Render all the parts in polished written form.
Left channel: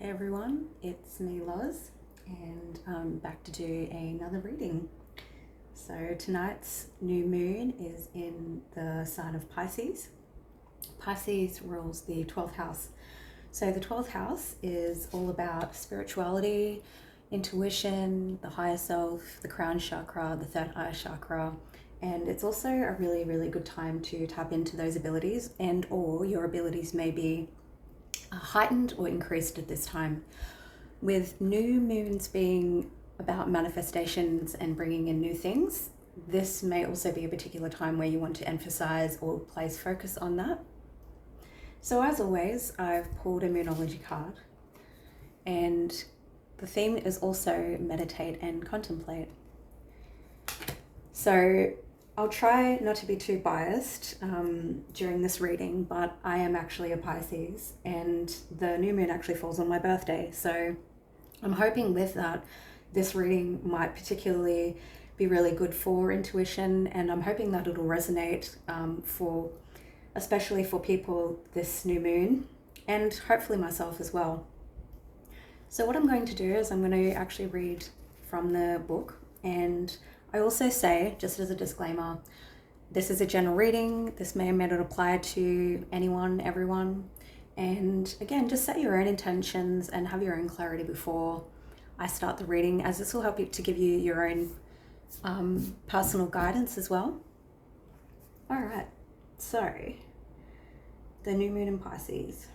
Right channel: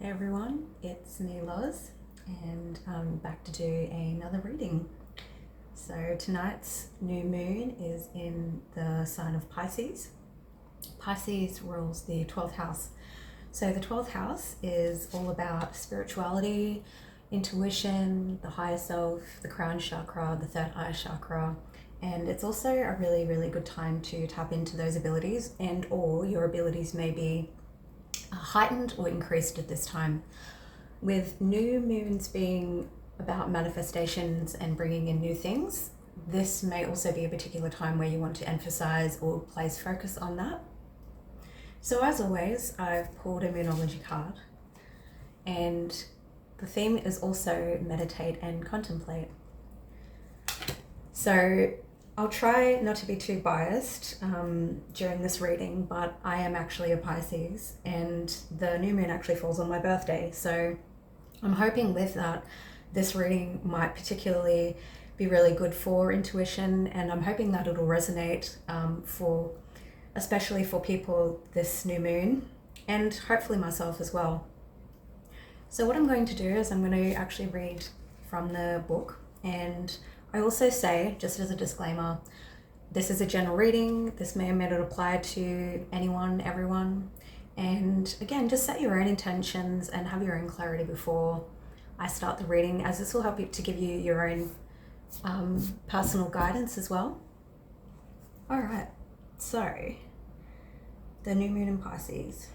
Hey everyone, it's me Loz, and I'm back to do another reading. So tonight's new moon is in the sign of Pisces. Pisces rules the 12th house. So the 12th house is all about spirituality, intuition, the higher self, the crown chakra, the third eye chakra, and it's also a really, really good time to tap into those abilities, and or your abilities may be heightened or increased at this time. With new moons being about manifestations and bringing in new things, this may also be a particular time where you want to emphasize or place focus on that. So as always, I've pulled a Moonology card, and the theme is also meditate and contemplate. So I'll try not to be too biased during this reading, but I am actually a Pisces, and the new moon actually falls on my birthday. So I'm hoping with that, this reading might particularly be really good for intuition, and I'm hoping that it'll resonate especially for people this new moon, and hopefully myself as well. So what I'm going to do is I'm going to actually read from the book, and I also say, just as a disclaimer, this is a general reading. This may or may not apply to anyone, everyone. And again, just set your own intentions and have your own clarity before I start the reading, as this will help you to give you your own personal guidance as well. All right, so the new moon in Pisces.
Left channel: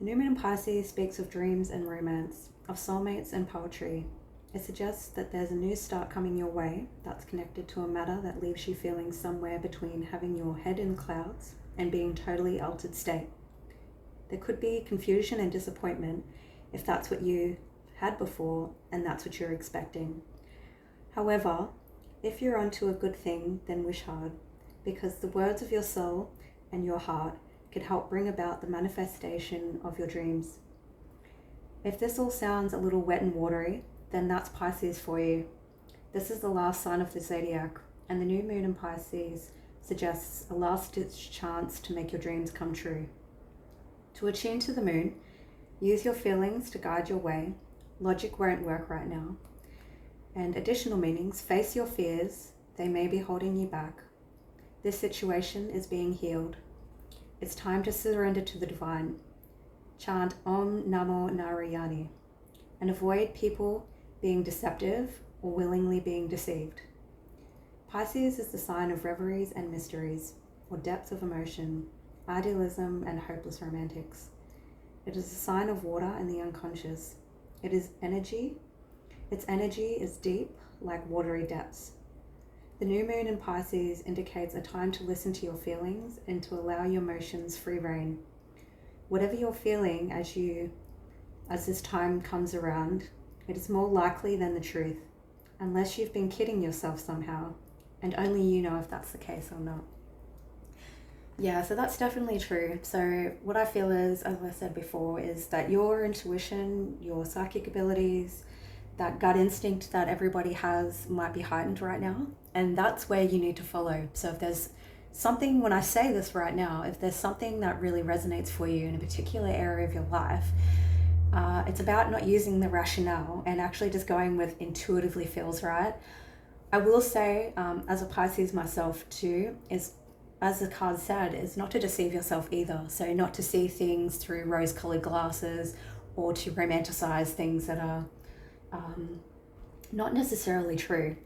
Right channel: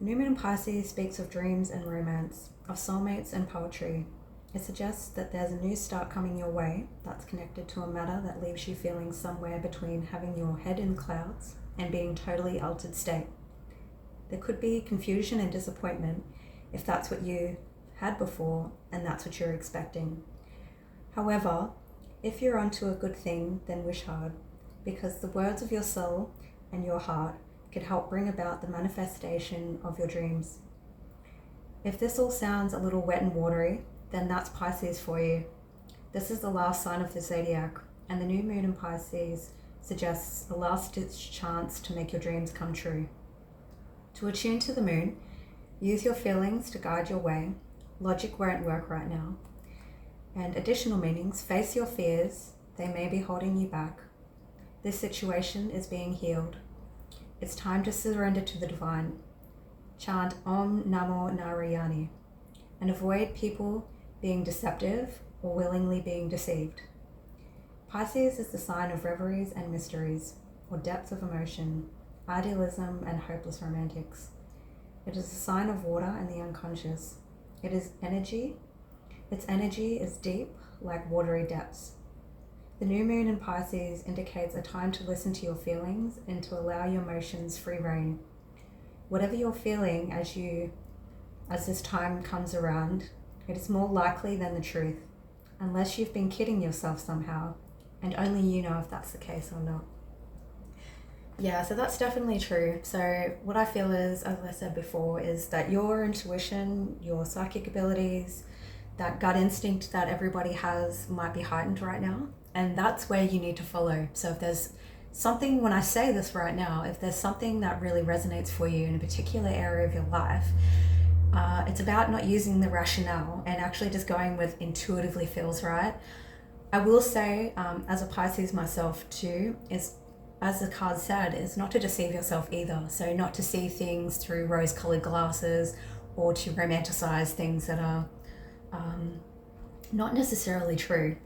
The new moon in Pisces speaks of dreams and romance, of soulmates and poetry. It suggests that there's a new start coming your way that's connected to a matter that leaves you feeling somewhere between having your head in clouds and being totally altered state. There could be confusion and disappointment if that's what you had before and that's what you're expecting. However, if you're onto a good thing, then wish hard, because the words of your soul and your heart could help bring about the manifestation of your dreams. If this all sounds a little wet and watery, then that's Pisces for you. This is the last sign of the zodiac, and the new moon in Pisces suggests a last-ditch chance to make your dreams come true. To attune to the moon, use your feelings to guide your way. Logic won't work right now. And additional meanings, face your fears. They may be holding you back. This situation is being healed. It's time to surrender to the divine. Chant Om Namo Narayani and avoid people being deceptive or willingly being deceived. Pisces is the sign of reveries and mysteries, or depth of emotion, idealism and hopeless romantics. It is a sign of water and the unconscious. It is energy. Its energy is deep, like watery depths. The new moon in Pisces indicates a time to listen to your feelings and to allow your emotions free rein. Whatever you're feeling as this time comes around, it is more likely than the truth, unless you've been kidding yourself somehow, and only you know if that's the case or not. Yeah, so that's definitely true. So what I feel is, as I said before, is that your intuition, your psychic abilities, that gut instinct that everybody has might be heightened right now, and that's where you need to follow. So if there's something, when I say this right now, if there's something that really resonates for you in a particular area of your life, it's about not using the rationale and actually just going with intuitively feels right. I will say, as a Pisces myself too, is, as the card said, is not to deceive yourself either. So not to see things through rose-colored glasses or to romanticize things that are not necessarily true.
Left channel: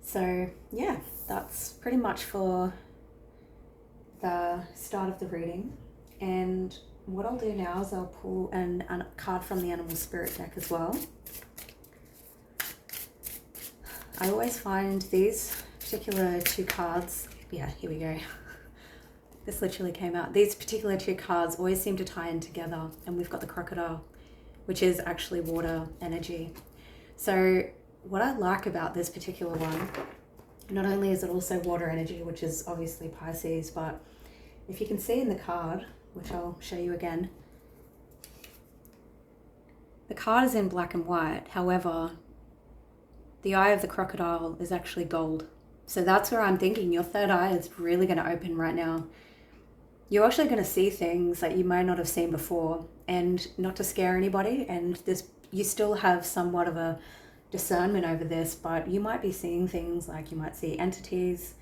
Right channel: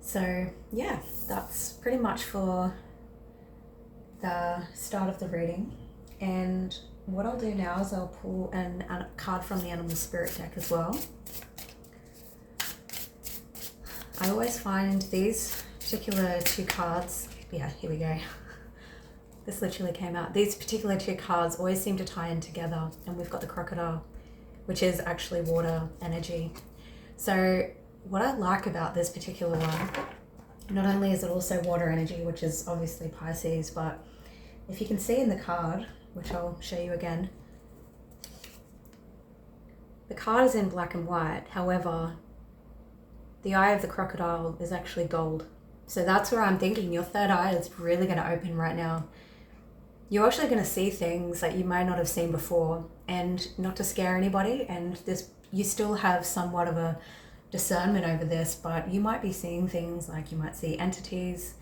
So yeah, that's pretty much for the start of the reading. And what I'll do now is I'll pull a card from the Animal Spirit deck as well. I always find these particular two cards, yeah, here we go. This literally came out. These particular two cards always seem to tie in together, and we've got the crocodile, which is actually water energy. So what I like about this particular one, not only is it also water energy, which is obviously Pisces, but if you can see in the card, which I'll show you again, the card is in black and white. However, the eye of the crocodile is actually gold. So that's where I'm thinking your third eye is really going to open right now. you're actually going to see things that you may not have seen before, and not to scare anybody. And you still have somewhat of a discernment over this, but you might be seeing things like you might see entities,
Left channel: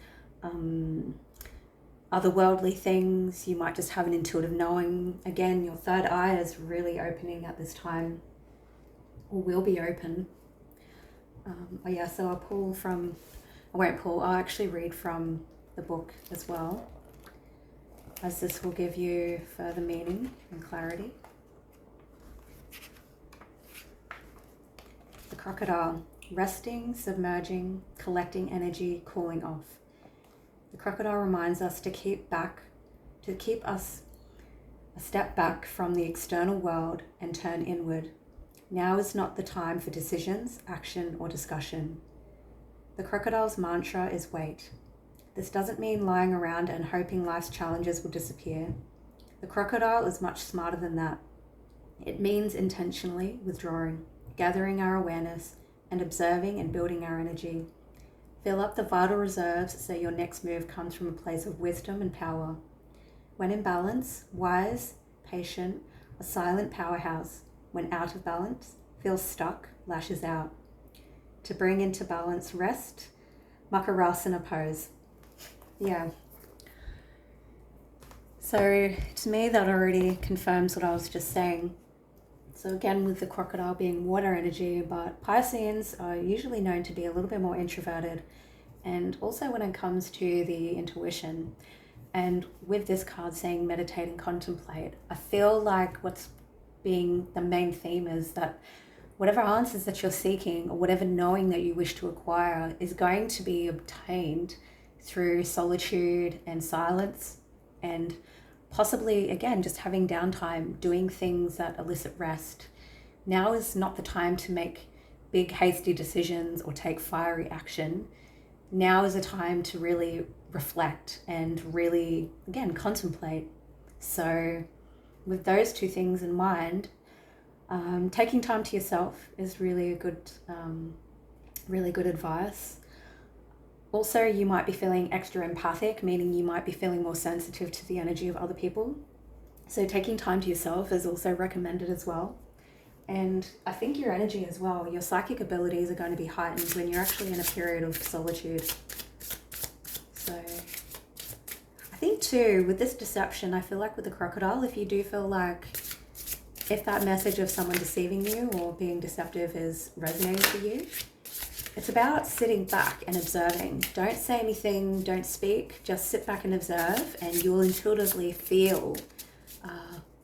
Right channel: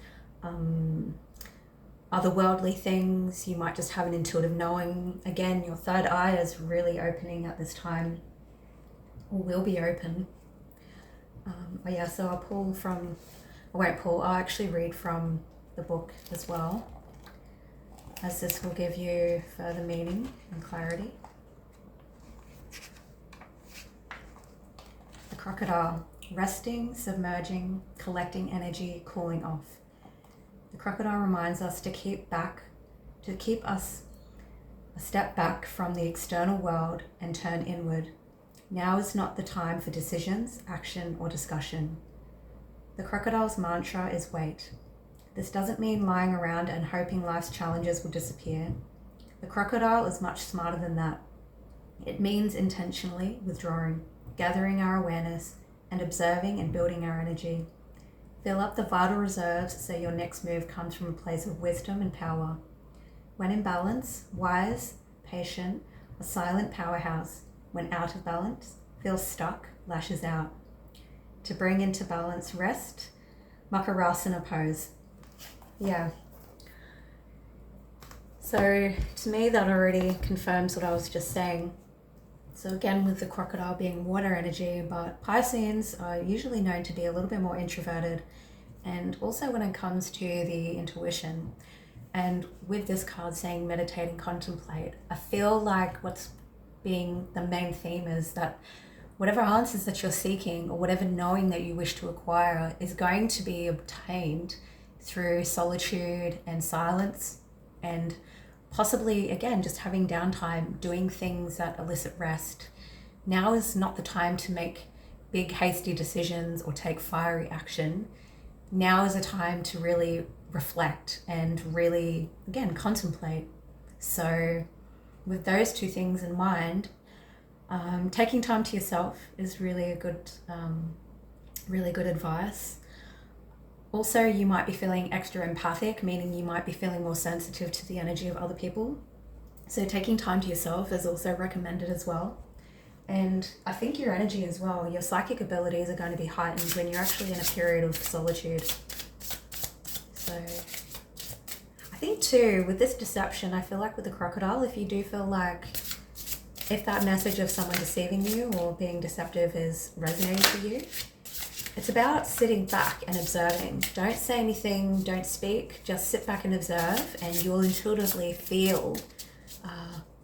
otherworldly things. You might just have an intuitive knowing. Again, your third eye is really opening at this time, or will be open. Oh yeah, so I'll actually read from the book as well, as this will give you further meaning and clarity. The crocodile, resting, submerging, collecting energy, cooling off. The crocodile reminds us to keep us a step back from the external world and turn inward. Now is not the time for decisions, action, or discussion. The crocodile's mantra is wait. This doesn't mean lying around and hoping life's challenges will disappear. The crocodile is much smarter than that. It means intentionally withdrawing, gathering our awareness, and observing and building our energy. Fill up the vital reserves so your next move comes from a place of wisdom and power. When in balance, wise, patient, a silent powerhouse. When out of balance, feels stuck, lashes out. To bring into balance, rest, Makarasana pose. Yeah. So to me, that already confirms what I was just saying. So again, with the crocodile being water energy, but Pisceans are usually known to be a little bit more introverted, and also when it comes to the intuition. And with this card saying meditate and contemplate, I feel like what's being the main theme is that whatever answers that you're seeking, or whatever knowing that you wish to acquire, is going to be obtained through solitude and silence, and possibly, again, just having downtime, doing things that elicit rest. Now is not the time to make big, hasty decisions or take fiery action. Now is a time to really reflect and really, again, contemplate. So with those two things in mind, taking time to yourself is really good advice. Also, you might be feeling extra empathic, meaning you might be feeling more sensitive to the energy of other people. So taking time to yourself is also recommended as well. And I think your energy as well, your psychic abilities are going to be heightened when you're actually in a period of solitude. So I think too, with this deception, I feel like with the crocodile, if you do feel like if that message of someone deceiving you or being deceptive is resonating for you, it's about sitting back and observing. Don't say anything, don't speak, just sit back and observe, and you'll intuitively feel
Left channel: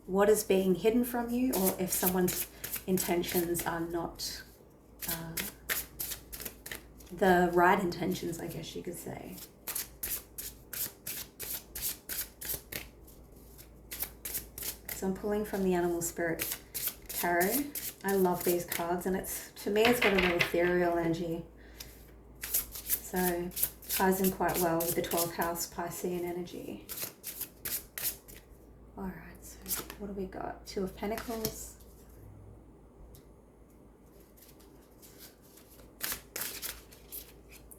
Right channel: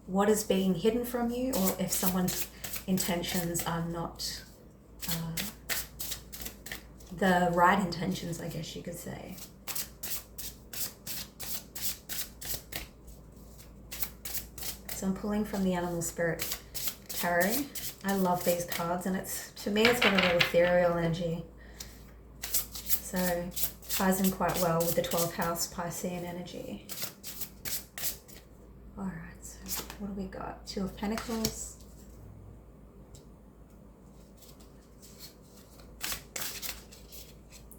what is being hidden from you, or if someone's intentions are not the right intentions, I guess you could say. So I'm pulling from the Animal Spirit Tarot. I love these cards, and to me it's got a real ethereal energy. So ties in quite well with the 12th house Piscean energy. Alright, so what do we got? Two of Pentacles.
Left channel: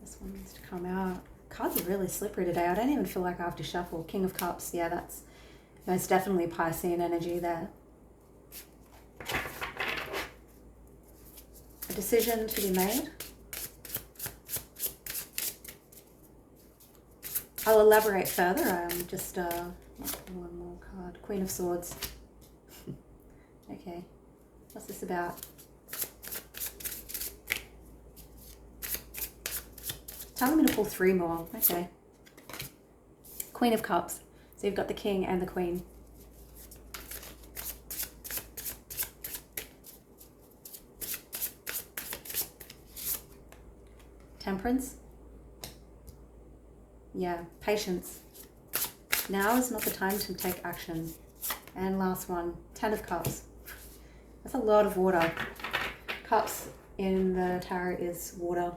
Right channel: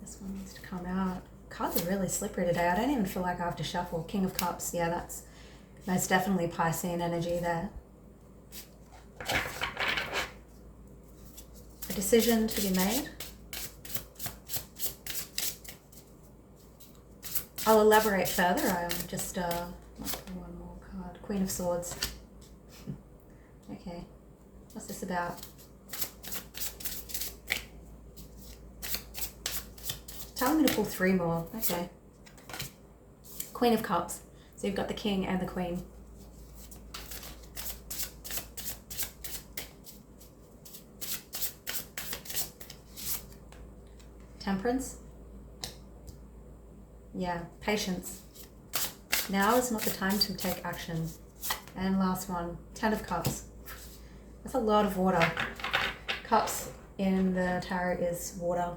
This one needs to come out. Cards are really slippery today. I don't even feel like I have to shuffle. King of Cups, yeah, that's most definitely Piscean energy there. A decision to be made. I'll elaborate further. Just one more card. Queen of Swords. Okay, what's this about? Tell me to pull three more. Okay. Queen of Cups. So you've got the King and the Queen. Temperance. Yeah, patience. Now is not the time to take action. And last one, 10 of Cups. That's a lot of water. Cups in the tarot is water.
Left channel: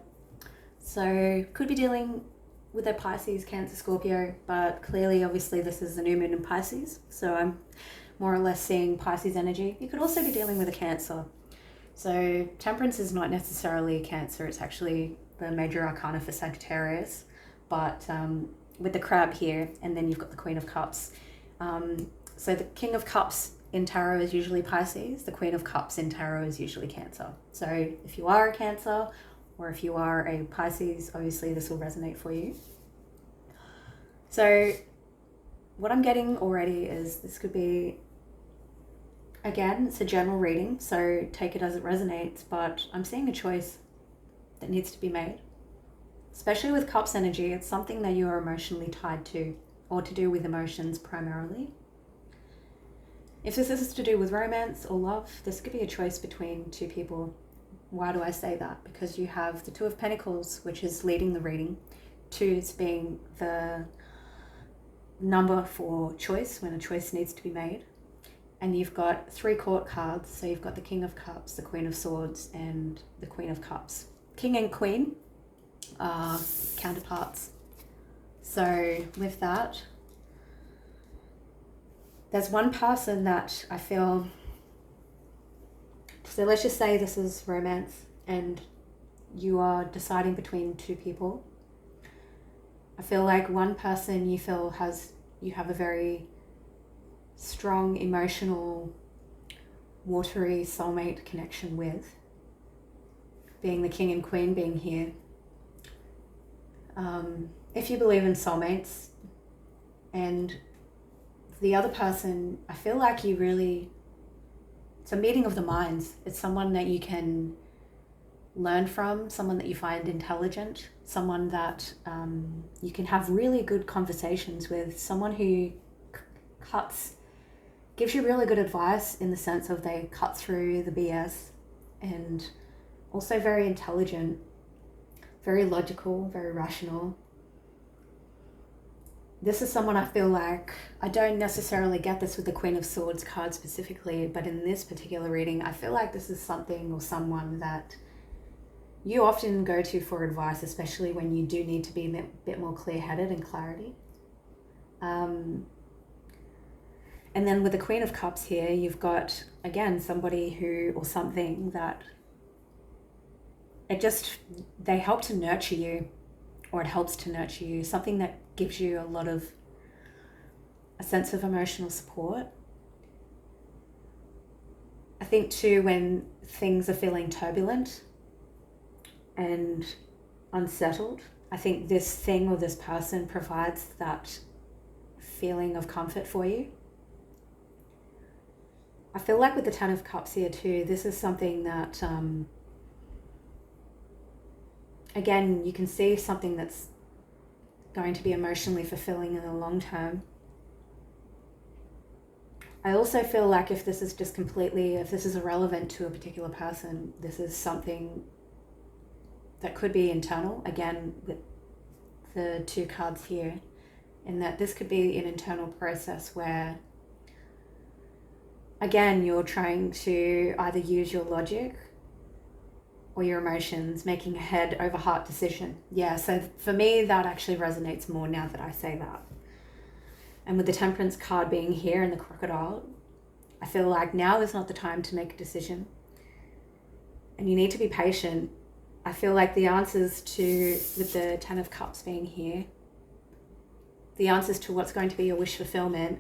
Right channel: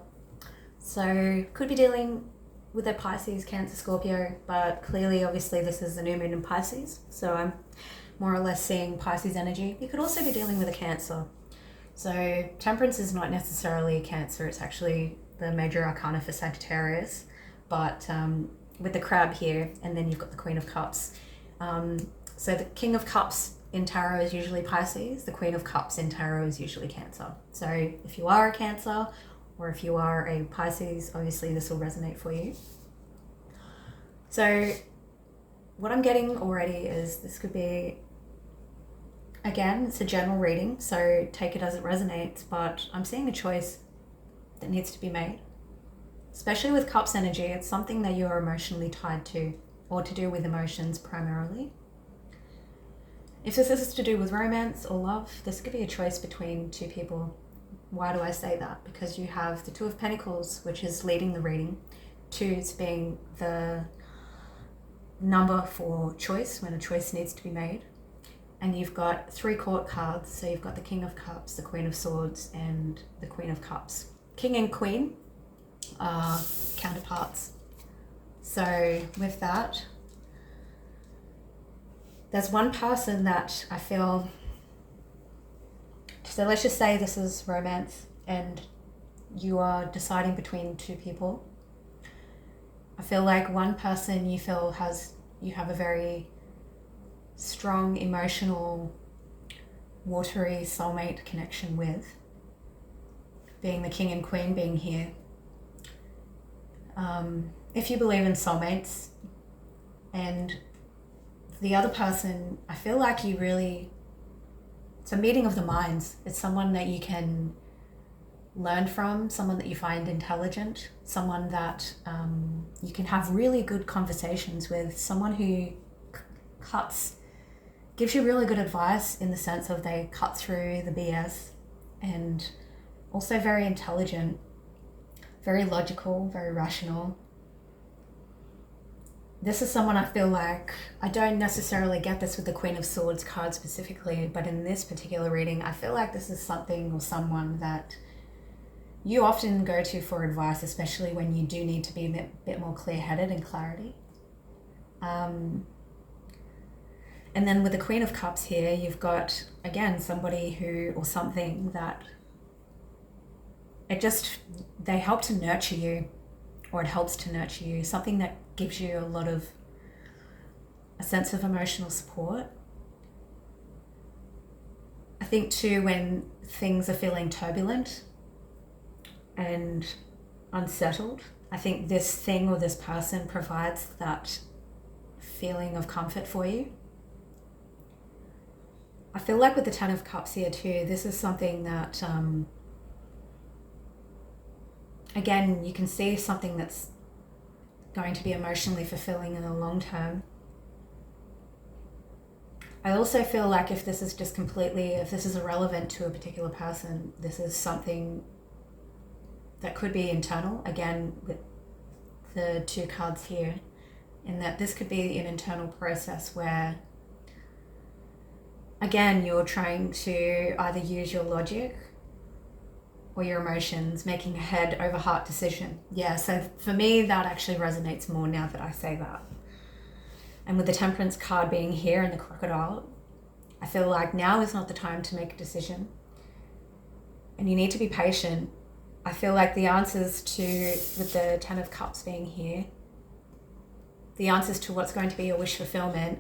So could be dealing with a Pisces, Cancer, Scorpio, but clearly, obviously, this is the new moon in Pisces. So I'm more or less seeing Pisces energy. You could also be dealing with a Cancer. So Temperance is not necessarily Cancer. It's actually the major arcana for Sagittarius. But with the crab here, and then you've got the Queen of Cups, So the King of Cups in tarot is usually Pisces. The Queen of Cups in tarot is usually Cancer. So if you are a Cancer or if you are a Pisces, obviously this will resonate for you. So what I'm getting already is this could be, again, it's a general reading, so take it as it resonates, but I'm seeing a choice that needs to be made. Especially with Cups energy, it's something that you are emotionally tied to, or to do with emotions primarily. If this is to do with romance or love, this could be a choice between two people. Why do I say that? Because you have the Two of Pentacles, which is leading the reading, twos being the number for choice, when a choice needs to be made. And you've got 3 court cards, so you've got the King of Cups, the Queen of Swords, and the Queen of Cups. King and Queen are counterparts. So with that, there's one person that I feel, so let's just say this is romance and you are deciding between two people. I feel like one person you feel you have a very strong emotional, watery soulmate connection with, being the King and Queen being here. If you believe in soulmates, and the other person, I feel like it's a meeting of the minds. It's someone that you can learn from, someone that you find intelligent, someone that you can have really good conversations with, someone who gives you really good advice in the sense of they cut through the BS, and also very intelligent, very logical, very rational. This is someone I feel like, I don't necessarily get this with the Queen of Swords card specifically, but in this particular reading, I feel like this is something or someone that you often go to for advice, especially when you do need to be a bit more clear-headed and clarity. And then with the Queen of Cups here, you've got, again, somebody who, or something that they help to nurture you, or it helps to nurture you, something that gives you a sense of emotional support. I think too, when things are feeling turbulent and unsettled, I think this thing or this person provides that feeling of comfort for you. I feel like with the Ten of Cups here too, this is something that, again, you can see something that's going to be emotionally fulfilling in the long term. I also feel like if this is irrelevant to a particular person, this is something that could be internal, again, with the 2 cards here, in that this could be an internal process where, again, you're trying to either use your logic or your emotions, making a head over heart decision. Yeah, so for me, that actually resonates more now that I say that. And with the Temperance card being here and the Crocodile, I feel like now is not the time to make a decision. And you need to be patient. I feel like the answers with the Ten of Cups being here, the answers to what's going to be your wish fulfillment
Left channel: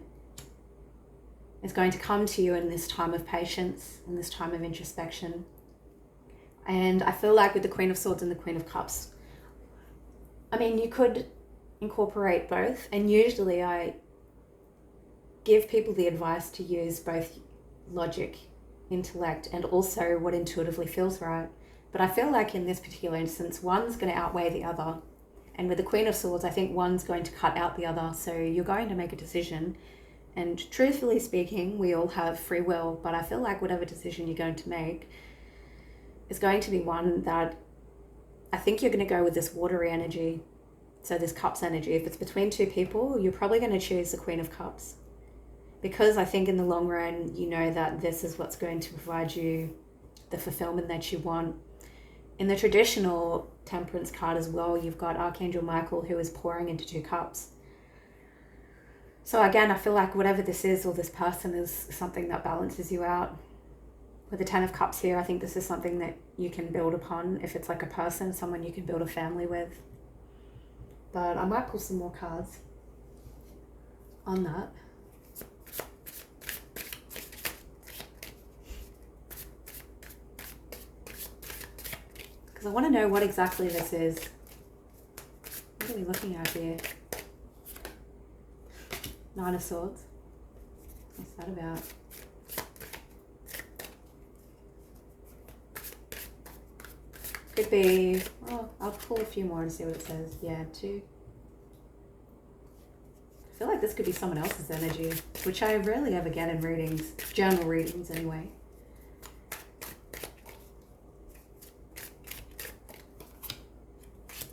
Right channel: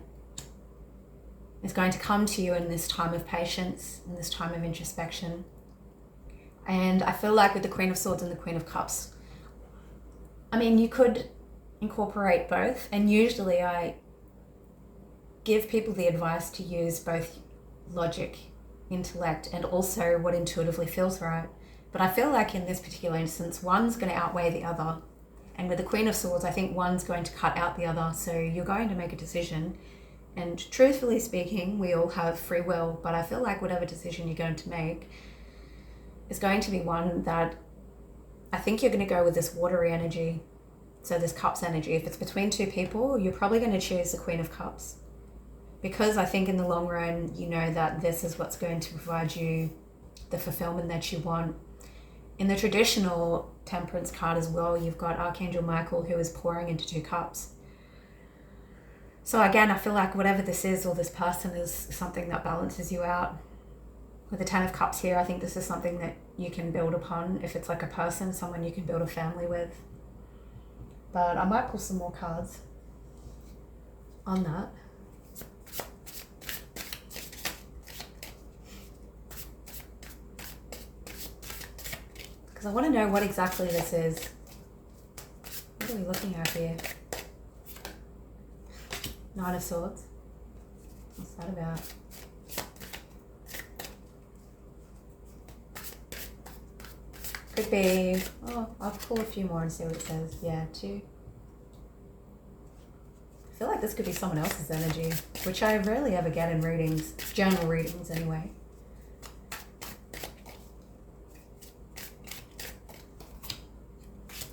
is going to come to you in this time of patience, in this time of introspection. And I feel like with the Queen of Swords and the Queen of Cups, I mean, you could incorporate both. And usually I give people the advice to use both logic, intellect, and also what intuitively feels right. But I feel like in this particular instance, one's going to outweigh the other. And with the Queen of Swords, I think one's going to cut out the other. So you're going to make a decision. And truthfully speaking, we all have free will, but I feel like whatever decision you're going to make is going to be one that I think you're going to go with this watery energy. So this Cups energy. If it's between 2 people, you're probably going to choose the Queen of Cups. Because I think in the long run, you know that this is what's going to provide you the fulfillment that you want. In the traditional Temperance card as well, you've got Archangel Michael, who is pouring into 2 cups. So again, I feel like whatever this is or this person is something that balances you out. With the Ten of Cups here, I think this is something that you can build upon. If it's like a person, someone you can build a family with. But I might pull some more cards on that. because I want to know what exactly this is. What are we looking at here? Nine of Swords. What's that about? Could be, oh, I'll pull a few more and see what it says. Yeah, 2. I feel like this could be someone else's energy, which I rarely ever get in readings, general readings anyway.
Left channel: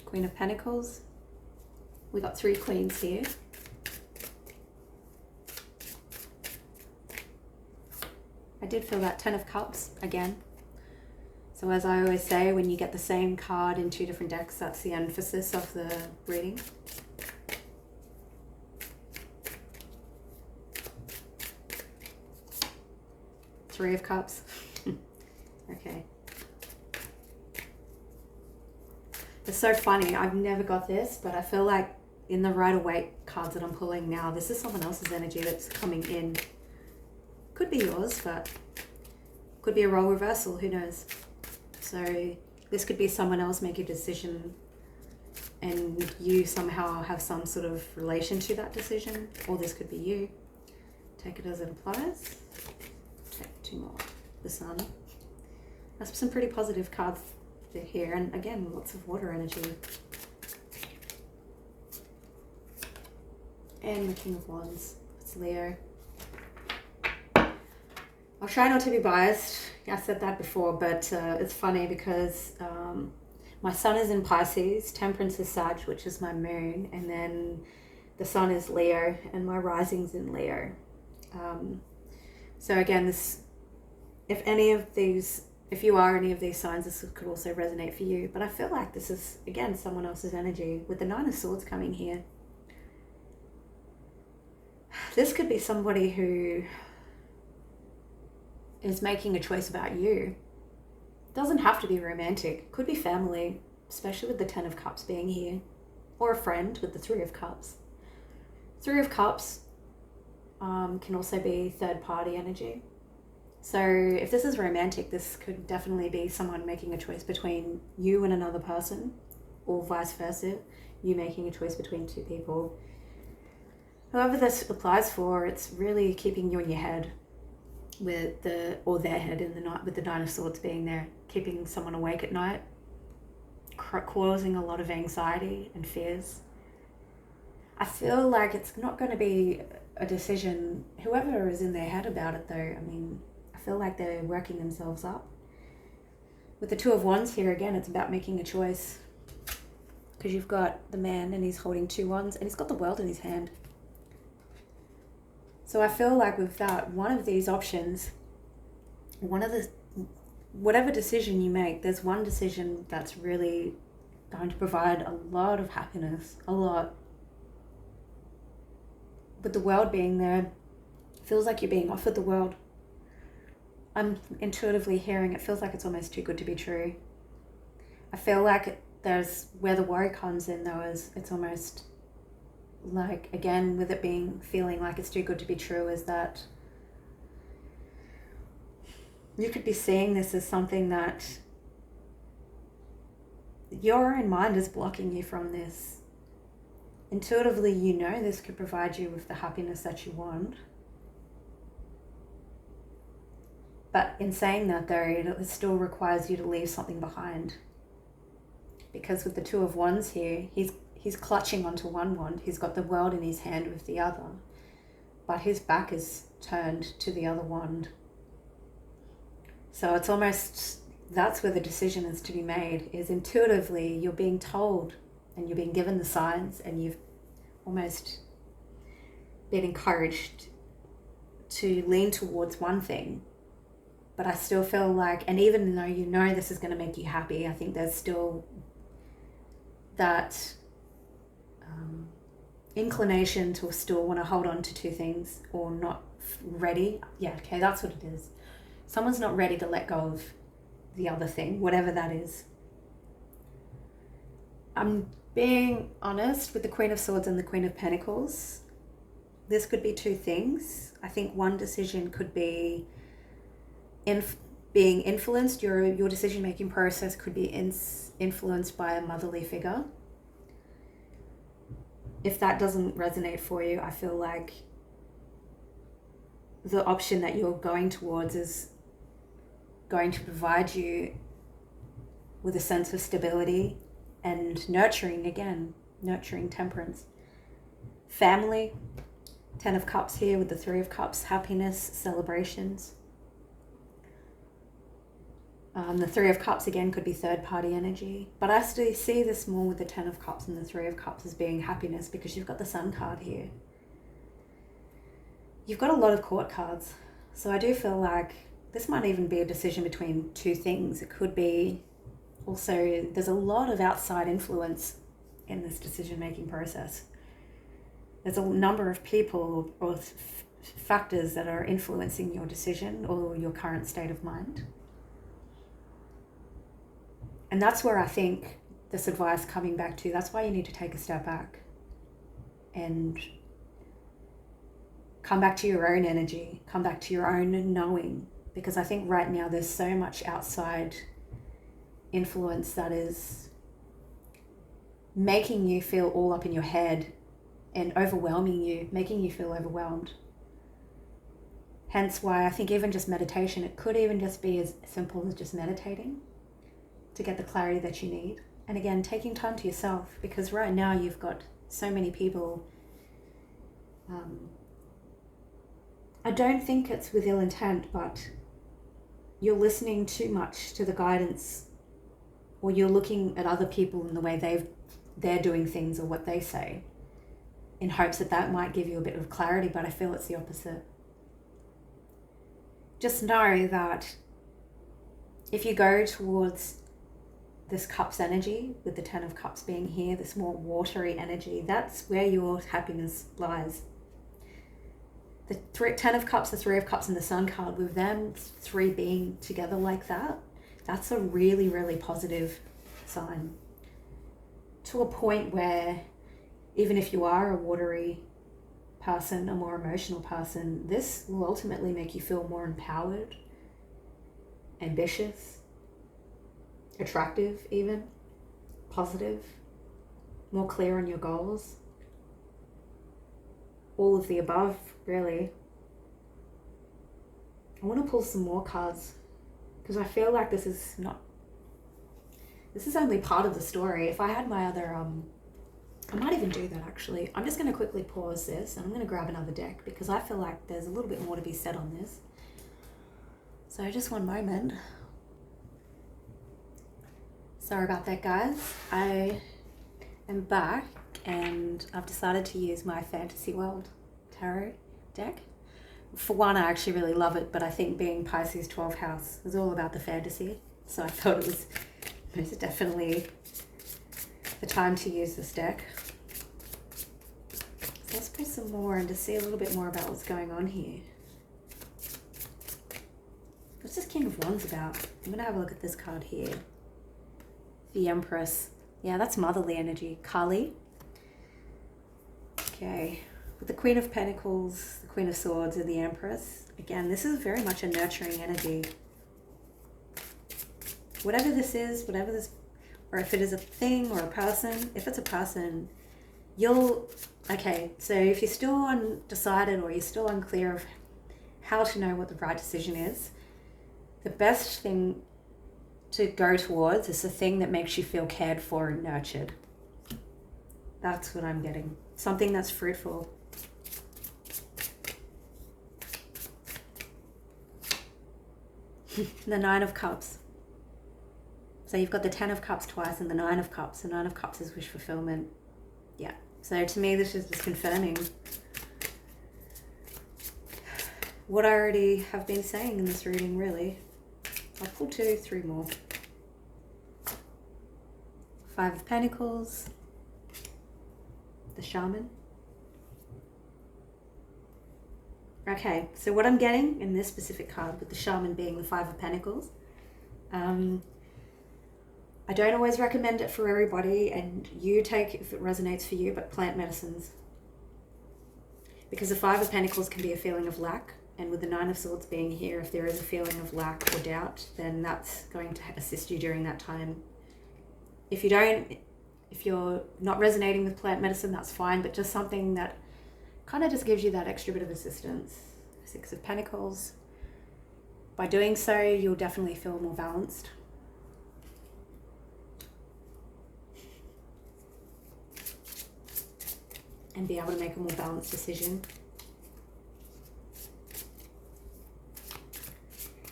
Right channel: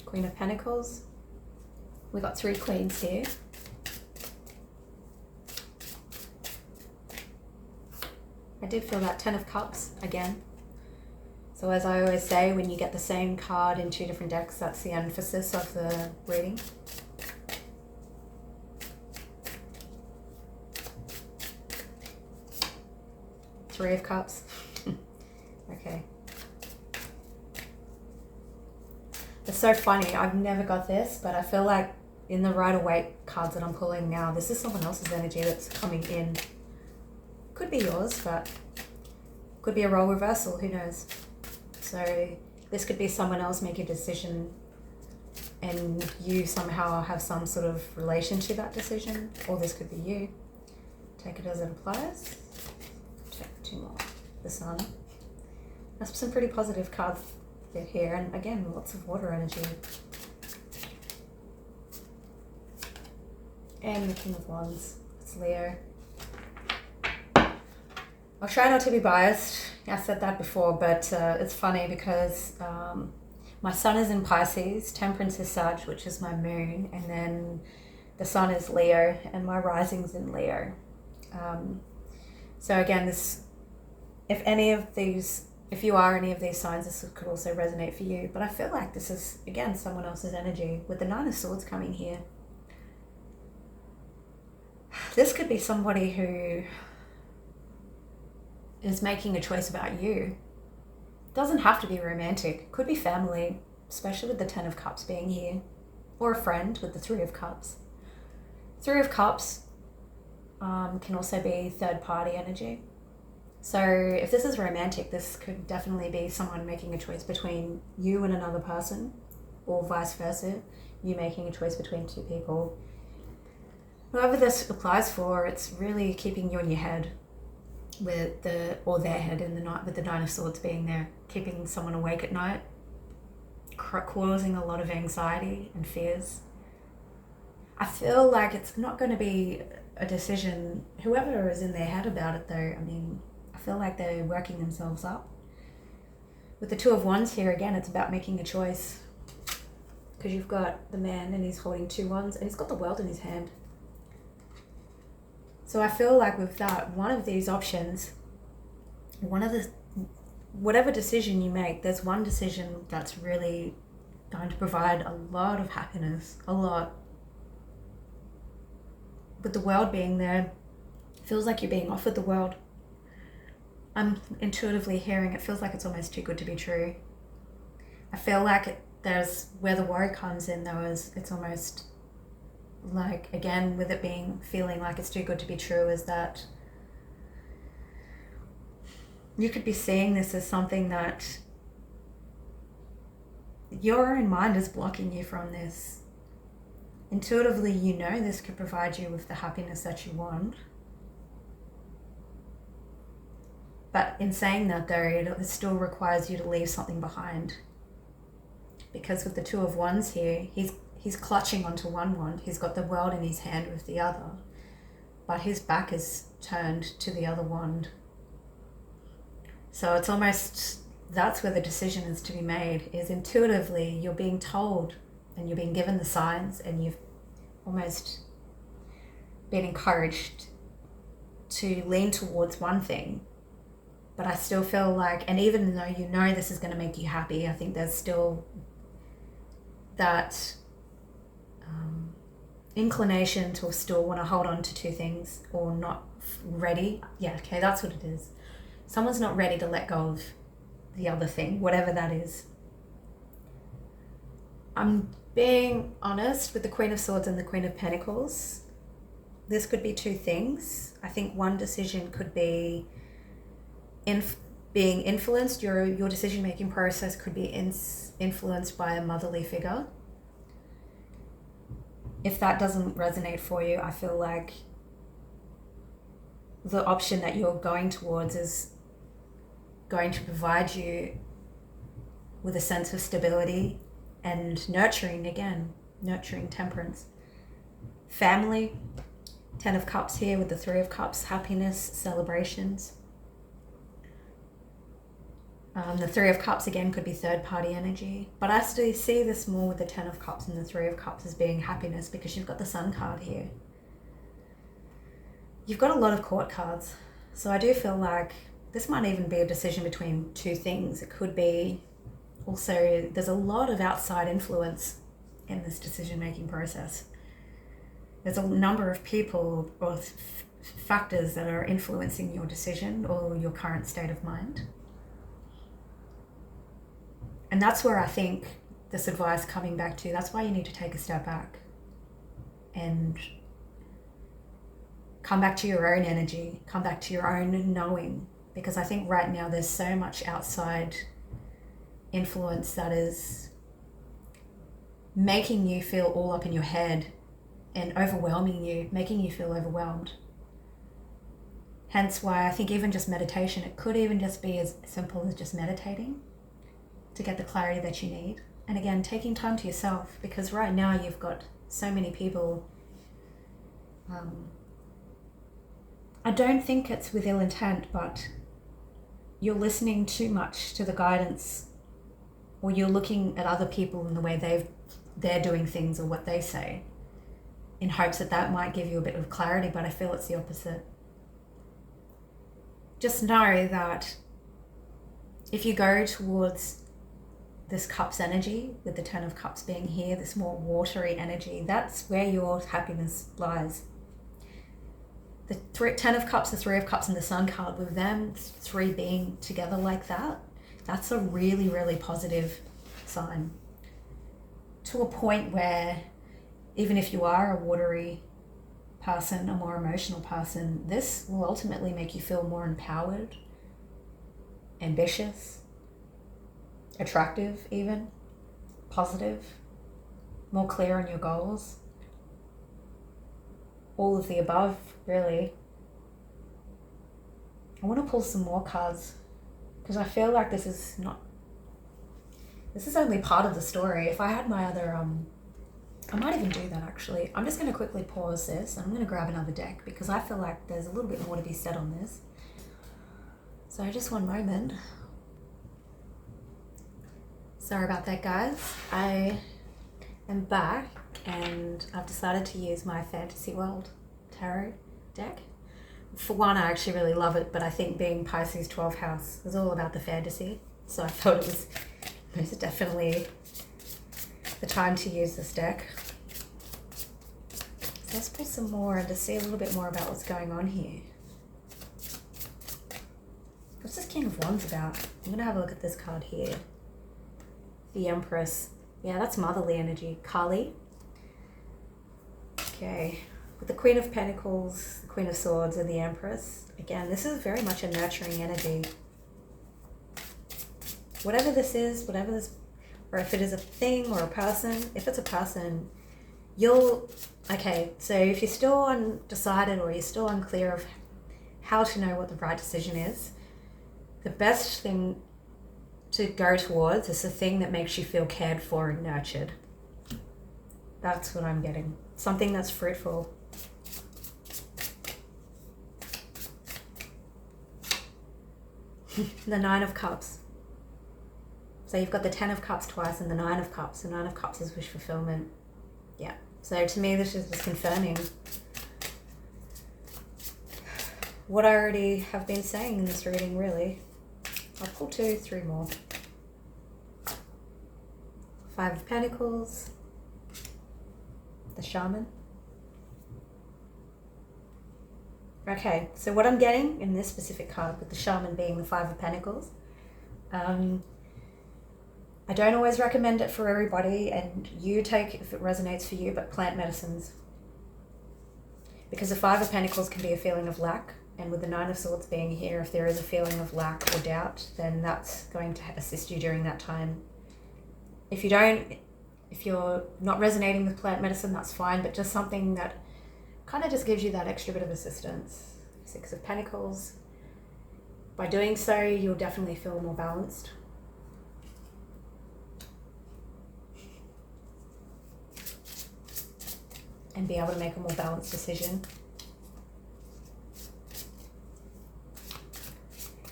Queen of Pentacles. We got 3 queens here. I did feel that 10 of Cups again. So as I always say, when you get the same card in 2 different decks, that's the emphasis of the reading. Three of Cups. Okay. It's so funny. I've never got this, but I feel like in the Rider-Waite cards that I'm pulling now, this is someone else's energy that's coming in. Could be yours, but could be a role reversal. Who knows? So this could be someone else make a decision and you somehow have some sort of relation to that decision, or this could be you. Take it as it applies. Take 2 more. The Sun. That's some pretty positive cards here, and again, lots of water energy. And the King of Wands. It's Leo. I'll try not to be biased. I said that before, but it's funny because my Sun is in Pisces, Temperance is Sag, which is my moon, and then the Sun is Leo, and my rising's in Leo. So again, this, if you are any of these signs, this could also resonate for you. But I feel like this is, again, someone else's energy with the 9 of Swords coming here. This could be somebody who is making a choice about you. Doesn't have to be romantic. Could be family, especially with the 10 of Cups being here. Or a friend with the 3 of Cups. 3 of Cups can also be third party energy. So if this is romantic, this could definitely be someone making a choice between you and another person, or vice versa, you making a choice between 2 people. Whoever this applies for, it's really keeping you in your head with their head in the night, with the 9 of Swords being there, keeping someone awake at night, causing a lot of anxiety and fears. I feel like it's not going to be a decision, whoever is in their head about it though, I mean, I feel like they're working themselves up. With the 2 of Wands here, again, it's about making a choice. Because you've got the man and he's holding 2 wands and he's got the world in his hand. So I feel like with that, one of these options, whatever decision you make, there's one decision that's really going to provide a lot of happiness, a lot. With the world being there, feels like you're being offered the world. I'm intuitively hearing it feels like it's almost too good to be true. I feel like there's where the worry comes in though, is it's almost like, again, with it being feeling like it's too good to be true, is that you could be seeing this as something that your own mind is blocking you from this. Intuitively, you know this could provide you with the happiness that you want. But in saying that though, it still requires you to leave something behind. Because with the 2 of Wands here, he's clutching onto one wand. He's got the world in his hand with the other. But his back is turned to the other wand. So it's almost, that's where the decision is to be made, is intuitively you're being told and you're being given the signs and you've almost been encouraged to lean towards one thing. But I still feel like, and even though you know this is going to make you happy, I think there's still that inclination to still want to hold on to 2 things, or not ready. Yeah, okay, that's what it is. Someone's not ready to let go of the other thing, whatever that is. I'm being honest with the Queen of Swords and the Queen of Pentacles. This could be 2 things. I think one decision could be being influenced, your decision-making process could be influenced by a motherly figure. If that doesn't resonate for you, I feel like the option that you're going towards is going to provide you with a sense of stability and nurturing temperance. Family, 10 of Cups here with the 3 of Cups, happiness, celebrations. The 3 of Cups again could be third party energy, but I still see this more with the 10 of Cups and the 3 of Cups as being happiness, because you've got the Sun card here. You've got a lot of court cards, so I do feel like this might even be a decision between two things. It could be also, there's a lot of outside influence in this decision making process. There's a number of people or factors that are influencing your decision or your current state of mind. And that's where I think this advice coming back to, that's why you need to take a step back and come back to your own energy, come back to your own knowing, because I think right now there's so much outside influence that is making you feel all up in your head and overwhelming you, making you feel overwhelmed. Hence why I think even just meditation, it could even just be as simple as just meditating to get the clarity that you need. And again, taking time to yourself, because right now you've got so many people. I don't think it's with ill intent, but you're listening too much to the guidance, or you're looking at other people in the way they're doing things or what they say, in hopes that that might give you a bit of clarity, but I feel it's the opposite. Just know that if you go towards this Cups energy, with the 10 of Cups being here, this more watery energy, that's where your happiness lies. The 10 of Cups, the 3 of Cups, and the Sun card, with them 3 being together like that, that's a really, really positive sign. To a point where even if you are a watery person, a more emotional person, this will ultimately make you feel more empowered, ambitious, attractive even, positive, more clear on your goals. All of the above, really. I want to pull some more cards because I feel like this is only part of the story. If I had my other, I might even do that actually. I'm just going to quickly pause this and I'm going to grab another deck because I feel like there's a little bit more to be said on this. So just one moment. Sorry about that, guys. I am back and I've decided to use my Fantasy World Tarot deck. For one, I actually really love it, but I think being Pisces 12th house is all about the fantasy. So I thought it was most definitely the time to use this deck. So let's pull some more and to see a little bit more about what's going on here. What's this King of Wands about? I'm going to have a look at this card here. The Empress. Yeah, that's motherly energy. Kali. Okay. With the Queen of Pentacles, the Queen of Swords, and the Empress. Again, this is very much a nurturing energy. Whatever this is, or if it is a thing or a person, if it's a person, okay, so if you're still undecided or you're still unclear of how to know what the right decision is, the best thing to go towards is the thing that makes you feel cared for and nurtured. That's what I'm getting. Something that's fruitful. The 9 of Cups. So you've got the 10 of Cups twice and the 9 of Cups. The 9 of Cups is wish fulfillment. Yeah. So to me, this is just confirming what I already have been saying in this reading, really. I'll pull 2, 3 more. 5 of Pentacles. The Shaman. Okay, so what I'm getting in this specific card, with the Shaman being the 5 of Pentacles, I don't always recommend it for everybody, and you take if it resonates for you, but plant medicines. Because the 5 of Pentacles can be a feeling of lack, And with the Nine of Swords being here, if there is a feeling of lack or doubt, then that's going to assist you during that time. If you're not resonating with plant medicine, that's fine, but just something that kind of just gives you that extra bit of assistance. Six of Pentacles. By doing so, you'll definitely feel more balanced. And be able to make a more balanced decision.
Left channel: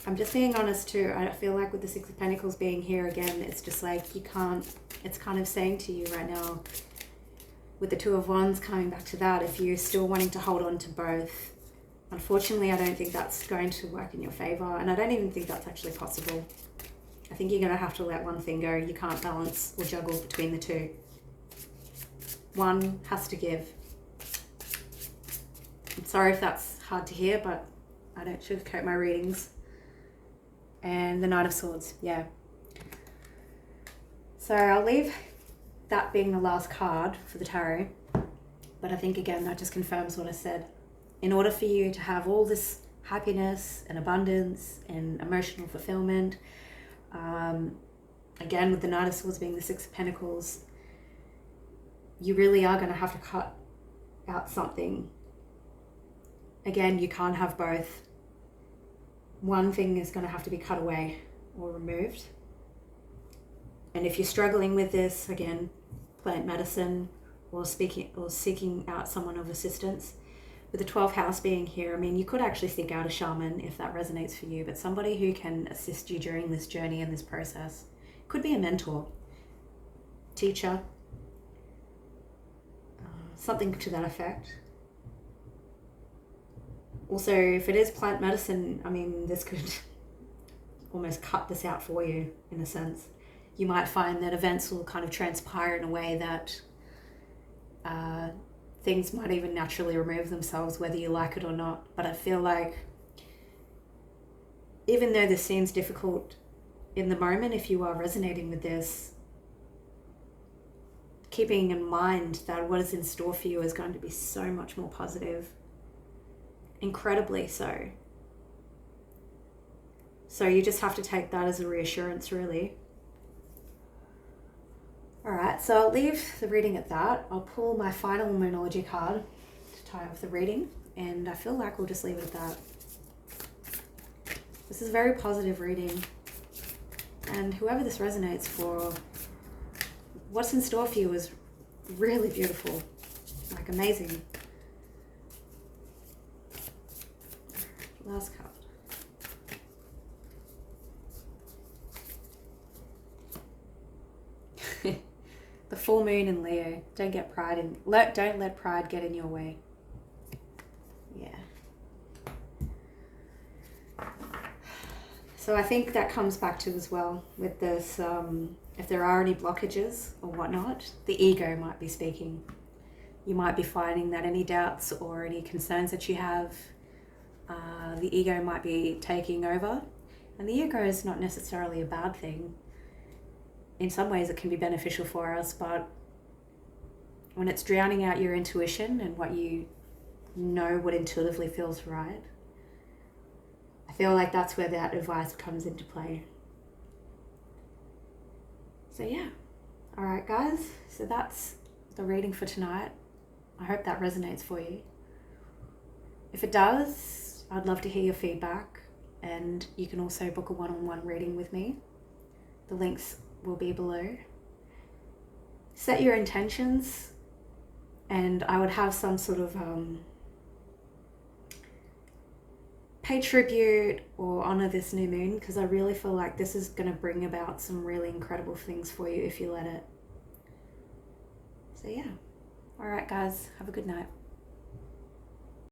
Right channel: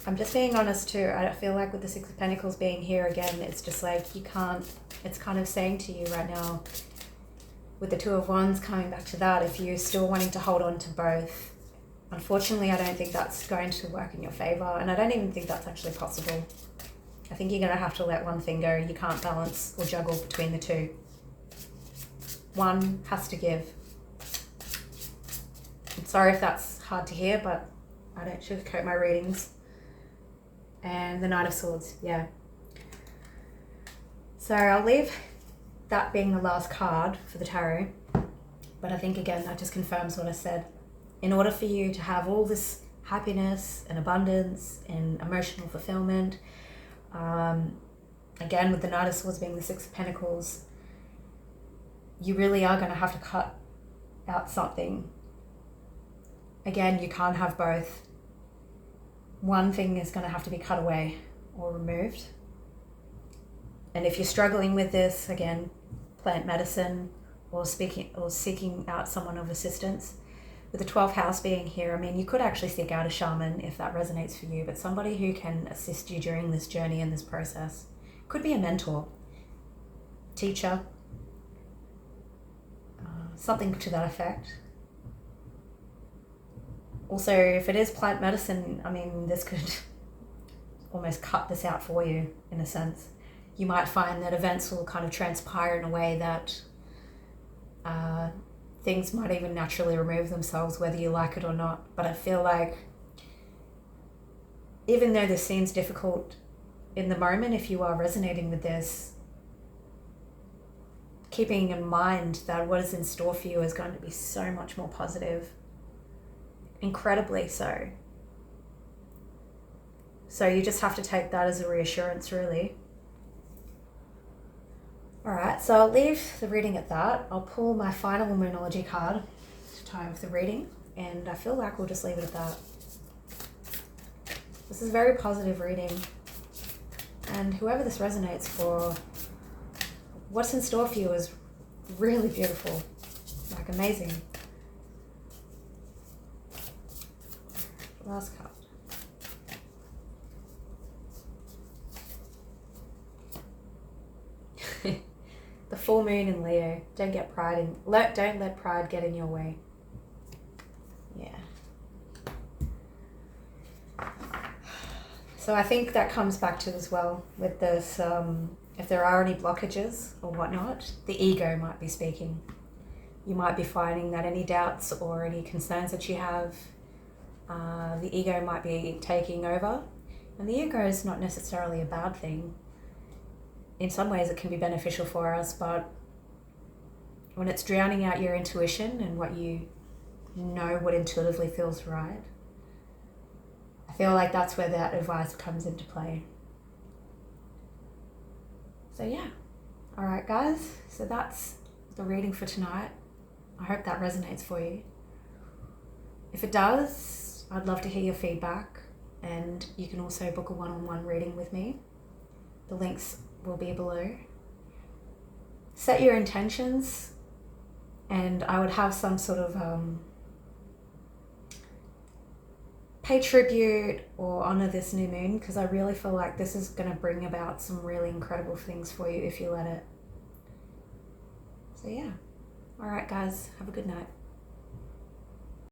I'm just being honest too. I feel like with the Six of Pentacles being here again, it's just like you can't, it's kind of saying to you right now, with the Two of Wands coming back to that, if you're still wanting to hold on to both, unfortunately, I don't think that's going to work in your favor. And I don't even think that's actually possible. I think you're going to have to let one thing go. You can't balance or juggle between the two. One has to give. I'm sorry if that's hard to hear, but I don't sugarcoat my readings. And the Knight of Swords, yeah. So I'll leave that being the last card for the tarot. But I think, again, that just confirms what I said. In order for you to have all this happiness and abundance and emotional fulfillment, again, with the Knight of Swords being the Six of Pentacles, you really are going to have to cut out something. Again, you can't have both. One thing is going to have to be cut away or removed. And if you're struggling with this, again, plant medicine or seeking out someone of assistance, with the 12th house being here, I mean, you could actually seek out a shaman if that resonates for you, but somebody who can assist you during this journey and this process. Could be a mentor, teacher, something to that effect. Also, if it is plant medicine, I mean, this could almost cut this out for you, in a sense. You might find that events will kind of transpire in a way that things might even naturally remove themselves, whether you like it or not. But I feel like, even though this seems difficult in the moment, if you are resonating with this, keeping in mind that what is in store for you is going to be so much more positive. Incredibly so. So you just have to take that as a reassurance, really. Alright, so I'll leave the reading at that. I'll pull my final Numerology card to tie off the reading, and I feel like we'll just leave it at that. This is a very positive reading, and whoever this resonates for, what's in store for you is really beautiful, like amazing. Last card. The full moon in Leo. Don't let pride get in your way. Yeah. So I think that comes back to as well with this, if there are any blockages or whatnot, the ego might be speaking. You might be finding that any doubts or any concerns that you have, the ego might be taking over. And the ego is not necessarily a bad thing. In some ways it can be beneficial for us, but when it's drowning out your intuition and what you know, what intuitively feels right, I feel like that's where that advice comes into play. So yeah. Alright guys, so that's the reading for tonight. I hope that resonates for you. If it does, I'd love to hear your feedback, and you can also book a one-on-one reading with me. The links will be below. Set your intentions, and I would have some sort of pay tribute or honor this new moon, because I really feel like this is going to bring about some really incredible things for you if you let it. So yeah. Alright guys, have a good night.